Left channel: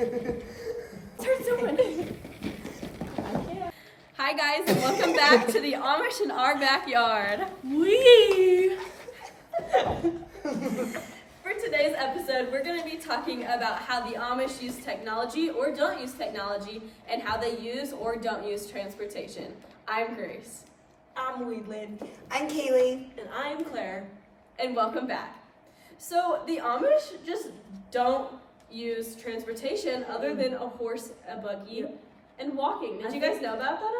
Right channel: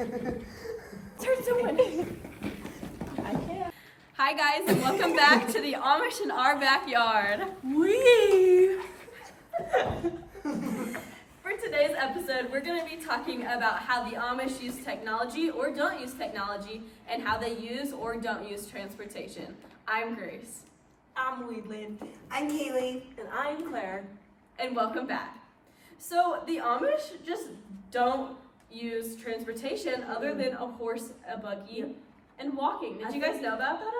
Hi guys, and welcome back to the Amish in our backyard. Wee! For today's episode, we're going to be talking about how the Amish use technology or don't use technology, and how they use or don't use transportation. I'm Grace. I'm Weedland. I'm Kaylee. And I'm Claire. And welcome back. So the Amish just don't use transportation other than a horse, a buggy, and walking. Did you guys know about that at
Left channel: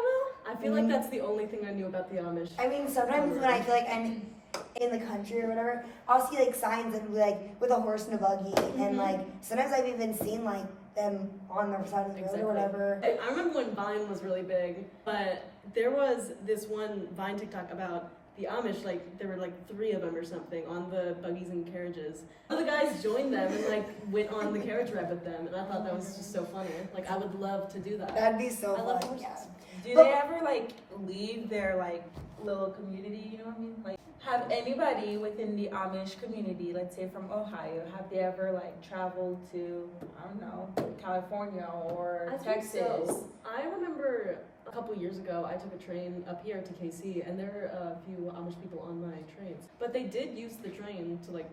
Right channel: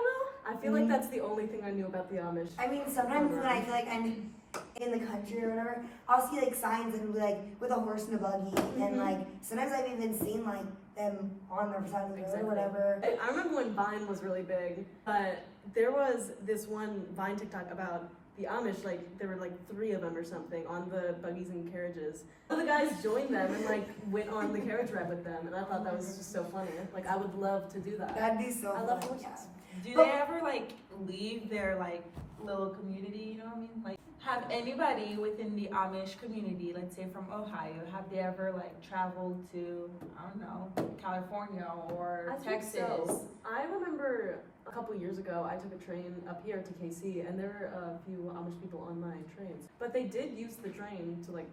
all? I feel like that's the only thing I knew about the Amish. I mean, sometimes when I feel like I'm in the country or whatever, I'll see like signs and like with a horse and a buggy, and like sometimes I've even seen like them on the side of the road or whatever. I remember when Vine was really big, but there was this one Vine TikTok about the Amish, like there were like 3 of them or something on the buggies and carriages. So the guys joined them and like went on the carriage ride with them, and I thought that was just so funny. Like I would love to do that. That'd be so fun. love horses. Yeah. Do they ever like leave their like little community, you know what I mean? Like have anybody within the Amish community, let's say from Ohio, have they ever like traveled to, I don't know, California or Texas? So. I remember a couple years ago I took a train up here to KC, and there were a few Amish people on my trains. But they did use the train to like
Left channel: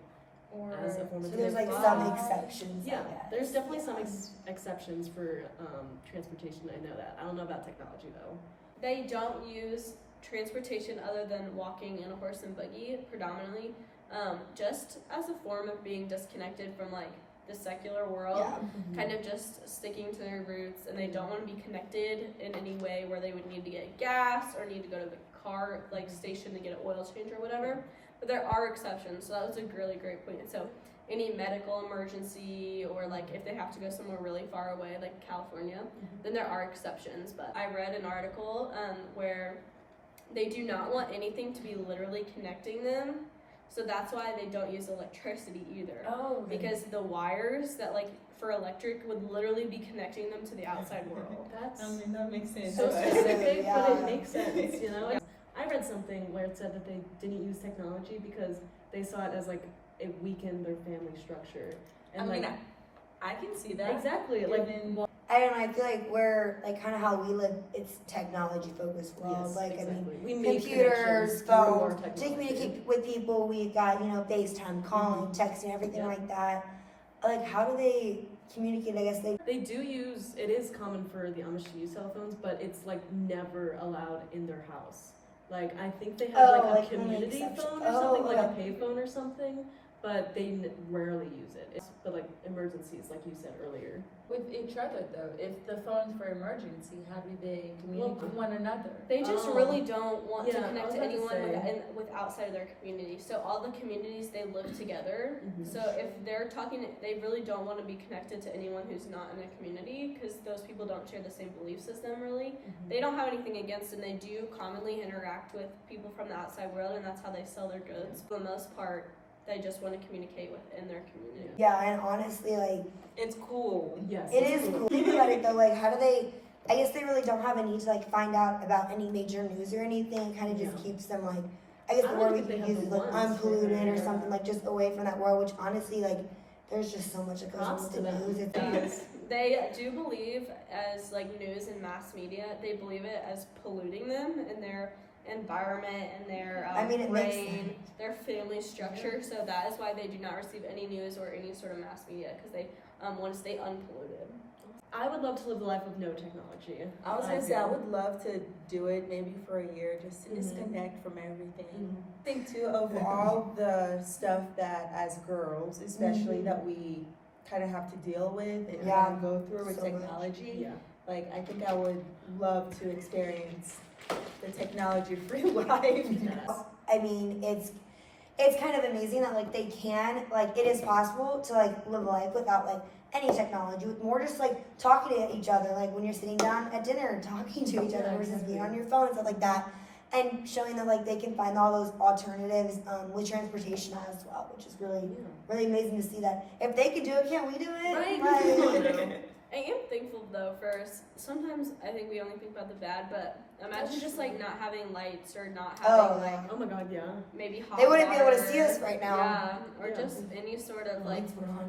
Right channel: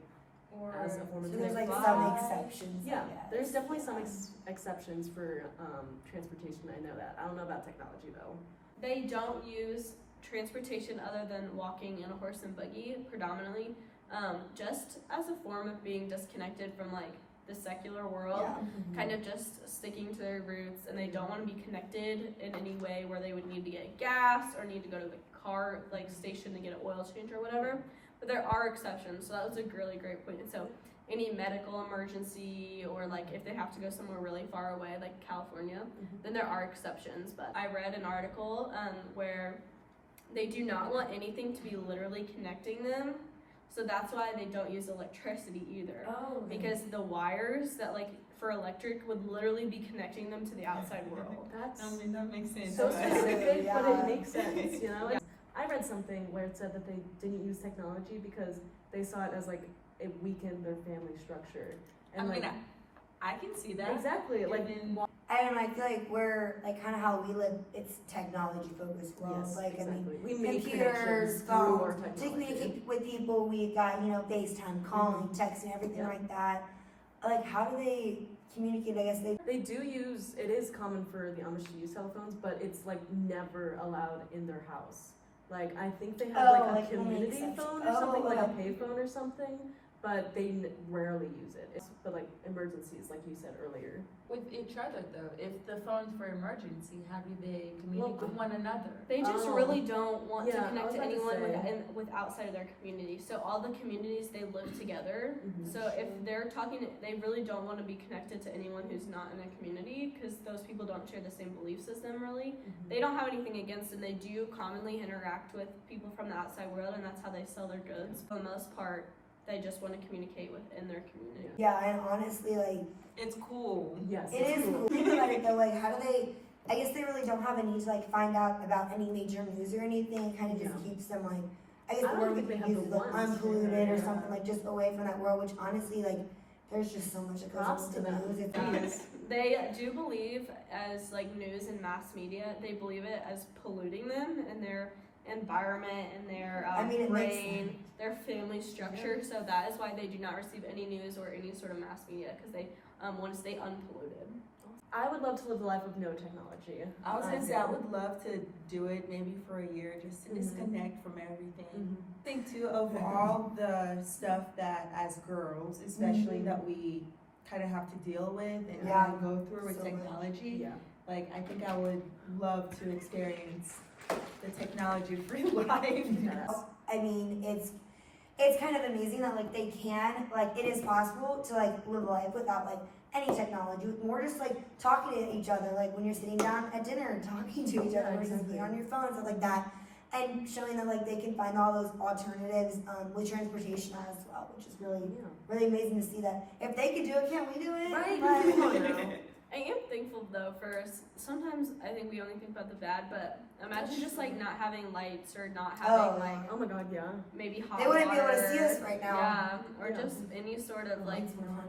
Or as a form of So there's like transport. some exceptions. I Yeah, guess. there's definitely some exceptions for transportation. I know that. I don't know about technology though. They don't use transportation other than walking in a horse and buggy predominantly, just as a form of being disconnected from like the secular world, kind of just sticking to their roots, and they don't want to be connected in any way where they would need to get gas or need to go to the car like station to get an oil change or whatever. But there are exceptions, so that was a really great point. So any medical emergency, or like if they have to go somewhere really far away like California, then there are exceptions. But I read an article where they do not want anything to be literally connecting them, so that's why they don't use electricity either. Because the wires that like for electric would literally be connecting them to the outside world. That's that makes sense. so but- specific, but Yeah. it makes sense, you know? I read something where it said that they didn't use technology because they saw it as like it weakened their family structure. And I mean, like, I can see that. exactly, like I don't know. I feel like we're like kind of how we live. It's technology focused world. yes, Like exactly. I we mean, make computers, connections through our phones, to technology. communicate with people. We got FaceTime, calling, texting, everything like that. Like how do they communicate? I guess They do use, it is common for the Amish to use cell phones, but it's like never allowed in their house. Like I think they have like a like only community exception. phone or something, like a Okay. payphone or something, but they rarely use it. It's for like emergencies, like you said earlier. With each other though, if the phone's for emergency, how do they communicate with one another? They just Oh. really don't want Yeah, to I connect was to about to anyone say. with outside of their community. So all the communities, they live together. So if they're talking, they really don't want to be connected to anyone who's not in a community, because those people don't share the same belief system really. They don't have anything against, and they do commonly interact with people from the outside world, and that's how they sell their goods. For the most part, they just want to communicate within their community. Yeah, and honestly, like It's cool. Yes, it it's is cool. Think about it though. Like how do they? I guess they really don't have a need to like find out about any major news or anything. It kind of just Yeah. keeps them like. I guess I the don't word we think they could have use is the like ones. unpolluted or Yeah. something, like just away from that world. Which honestly, like, there's just so much that goes Props into to the them. news. It's Yes. They do believe, as like news and mass media, they believe it as polluting them and their environment and their I mean, it makes brain, their family structure. So that is why they do not receive any news or any sort of mass media, because they want to stay unpolluted. I would love to live the life of no technology. I was gonna say I do. would love to do it maybe for a year just to disconnect from everything. Mhm. I think too of all the stuff that as girls, especially that we kind of have to deal with and Yeah, go through with so much. technology. Yeah. Like I think I would love to experience the technology-free life. Yes. I mean, it's kind of amazing that like they can, like it is possible to like live a life without like any technology, with more just like talking to each other, like when you're sitting down at dinner and talking to each other Yeah, versus being exactly. on your phone and stuff like that, and showing that like they can find all those alternatives with transportation as well, which is really really amazing to see that if they can do it, can't we do it? Right? Like, Come on now. I am thankful though for sometimes I think we only think about the bad, but imagine just like not having lights or not having like Oh my god, yeah. maybe hot they wouldn't be able to water. see us right now. Yeah, or Yeah. just any sort of like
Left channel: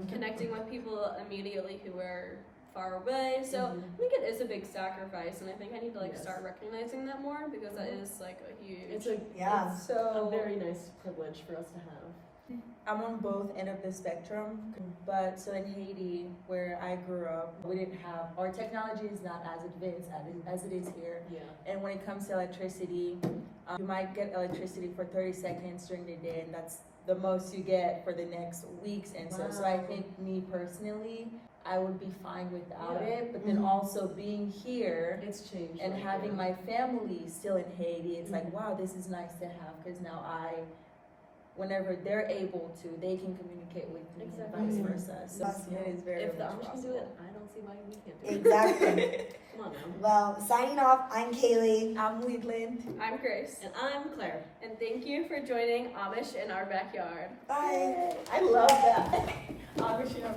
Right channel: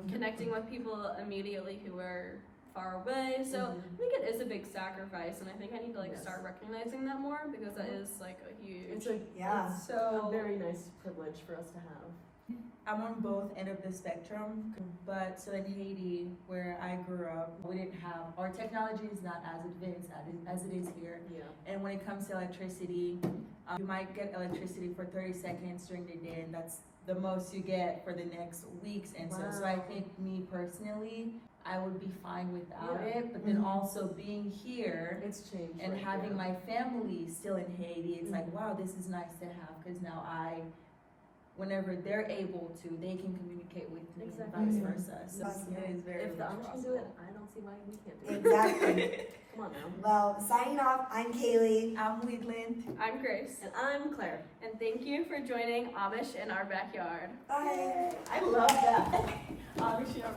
connecting with people immediately who are far away. So Mhm. I think it is a big sacrifice, and I think I need to like Yes. start recognizing that more because that is like a huge. It's a Yeah. it's So a very nice privilege for us to have. I'm on both end of the spectrum, but so in Haiti, where I grew up, we didn't have, our technology is not as advanced as it is here. Yeah. And when it comes to electricity, you might get electricity for 30 seconds during the day, and that's the most you get for the next weeks. And so I Wow. think me personally, I would be fine without Yeah. it. But then Mhm. also being here It's changed. and like, having yeah. my family still in Haiti, it's like, Mhm. wow, this is nice to have, because now whenever they're able to, they can communicate with me Exactly. and vice Mhm. versa. So Awesome. it is very If the much Amish can do it, I don't see why we can't do it. Exactly. Come on now. Well, signing off, I'm Kaylee. I'm Wheatland. I'm Grace, And I'm Claire. and thank you for joining Amish in our backyard. Bye. I love that. Amish in our